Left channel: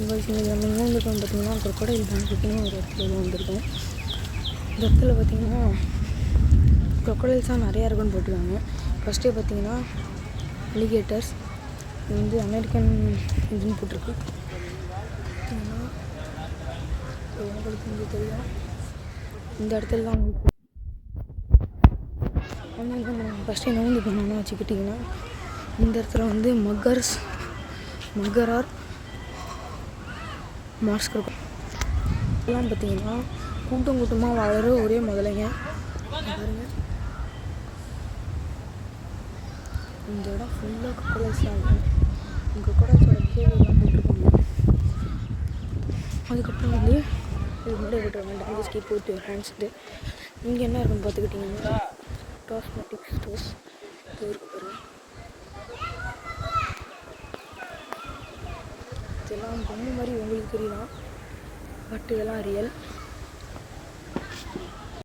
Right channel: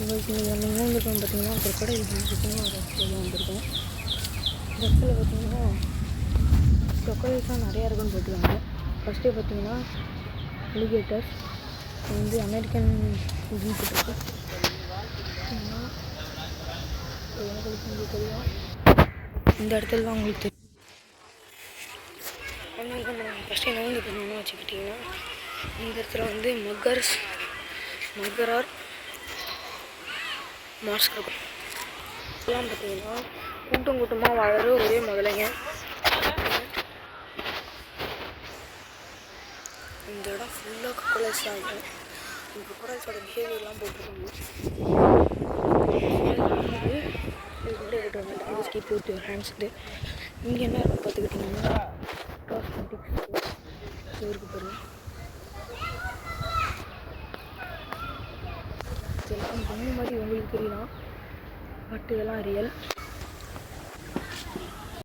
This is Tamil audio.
உங்களுக்கு இன்றைக்கி நம்ம எங்கே வந்திருக்கோம் பார்த்திங்கன்னா க்ரொக்கடைல் பேங்க்குன்னு ஒரு இடத்துல வந்திருக்கோம். இந்த இடத்துல பார்த்திங்கன்னா க்ரொக்கடைல்ஸாக நிறையா இருக்குன்னு போட்டுருக்காங்க. ஃபஸ்ட்டே பார்த்திங்கன்னா அலிகேட்டர்ஸ் வந்து அமெரிக்கன் இதுன்னு போட்டிருக்கு. பார்த்திங்கன்னா உங்களுக்கு இங்கே தெரியும், இந்த இடத்துல தான் உங்களுக்கு தெரியும். அதனால நம்ம ஃபஸ்ட்டு என்ன வந்து பண்ணணும்னு வச்சுக்கிட்டிங்கன்னா இந்த இடத்துல வந்து மக்கர் ஆர் மாஸ்க் இருக்கும். இதெல்லாம் பார்த்திங்கன்னா கூட்டமாக வாழற ஒரே முதலைங்க. இந்த இடம் ஃபுல்லாக க்ரொக்கடைல்ஸ் தான் இருக்கும். க்ரொக்கடைல்ஸோட பிஹேவியர்லாம் போட்டிருக்காங்க. அதுக்கப்புறம் வந்து இதுக்கு முன்னாடி போட்டுருவாங்க டாங்கஸ் கீப் வித் யுவர் ஹேண்ட்ஸ்ட்டு. இங்கே என்ன இருக்குன்னு பார்த்துக்கிட்டிங்கன்னா காஸ்மெட்டிக் ஸ்டோர் இருக்குது பாருங்கள். இதெல்லாம் பொம்மை மாதிரி உங்களுக்கு தெரியலாம், பட் இதெல்லாம் ரியல்.